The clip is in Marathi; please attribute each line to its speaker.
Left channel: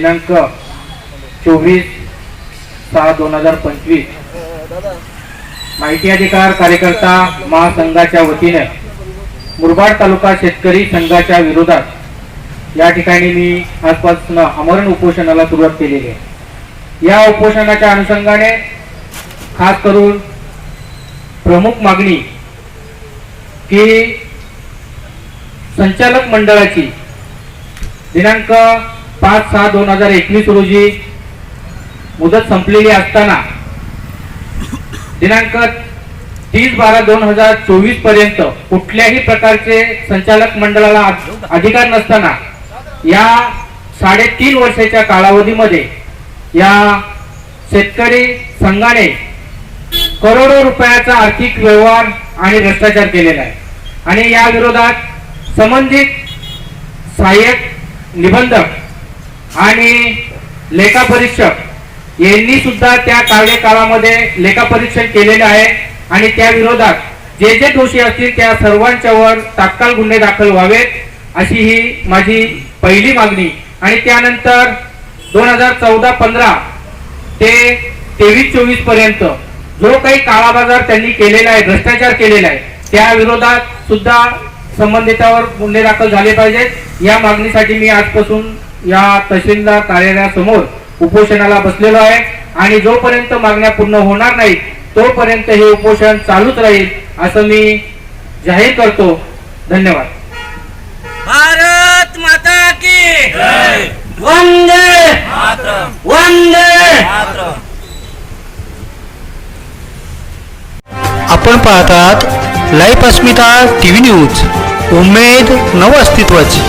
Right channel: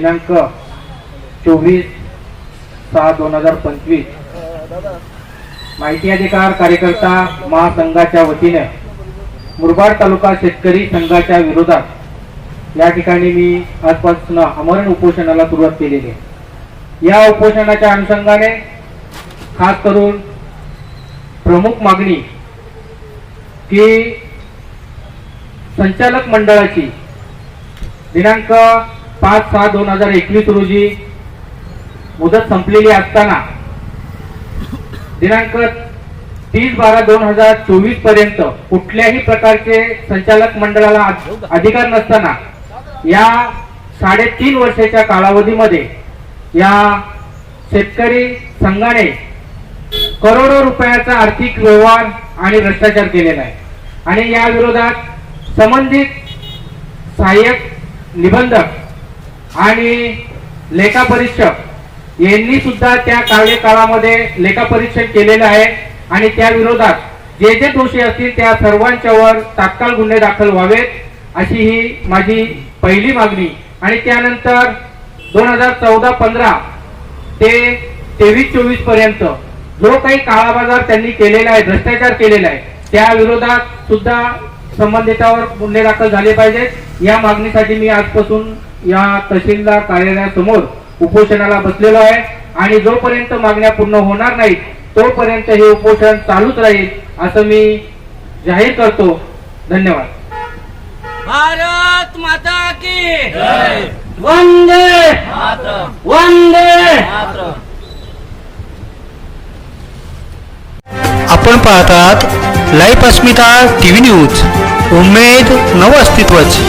Speaker 1: दिनांक चोवीस सहा दोन हजार पंचवीस. माहिती अधिकार कार्यकर्ता महासंघाच्या वतीने मुरबाड तालुका शेतकरी संघाच्या विरोधात या ठिकाणी मी आजपासून अमरण उपोषणाला सुरुवात केलेली आहे. या उपोषणाच्या अनुषंगाने खास करून प्रमुख मागणी की संचालक मंडळाची दिनांक पाच सहा दोन हजार एकवीस रोजी मुदत संपलेली असताना दिनांक तीस बारा दोन हजार चोवीसपर्यंत कुठल्याही प्रकारचे संचालक मंडळाला अधिकार नसताना या साडेतीन वर्षाच्या कालावधीमध्ये या शेतकरी संघाने करोडो रुपयाचा आर्थिक व्यवहार आणि भ्रष्टाचार केलेला आहे. आणि या विरोधात संबंधित सहाय्यक निबंधक आणि लेखापरीक्षक यांनी सुद्धा त्या कार्यकाळामध्ये लेखापरीक्षण केलेलं आहे. आणि त्या विरोधात जे जे दोषी असतील त्या सर्वांच्यावर तात्काळ गुन्हे दाखल व्हावेत अशी ही माझी पहिली मागणी. आणि त्यानंतर दोन हजार चौदा पंधरा ते तेवीस चोवीसपर्यंत जो काही काळा बाजार त्यांनी केलेला आहे भ्रष्टाचार केलेला आहे त्या विरोधात सुद्धा संबंधितावर गुन्हे दाखल झाले पाहिजेत. या मागणीसाठी मी आजपासून या तहसीलदार कार्यालयासमोर उपोषणाला बसलेलो आहे. आणि जोपर्यंत मागण्या पूर्ण होणार नाहीत तोपर्यंत हे उपोषण चालूच राहील असं मी जाहीर करतो. धन्यवाद.
Speaker 2: भारत माता की
Speaker 1: वंदे वंदे.
Speaker 3: आपण पाहतात लाईव्ह अस्मिता टीव्ही न्यूज. उमेद नव अस्तित्वाची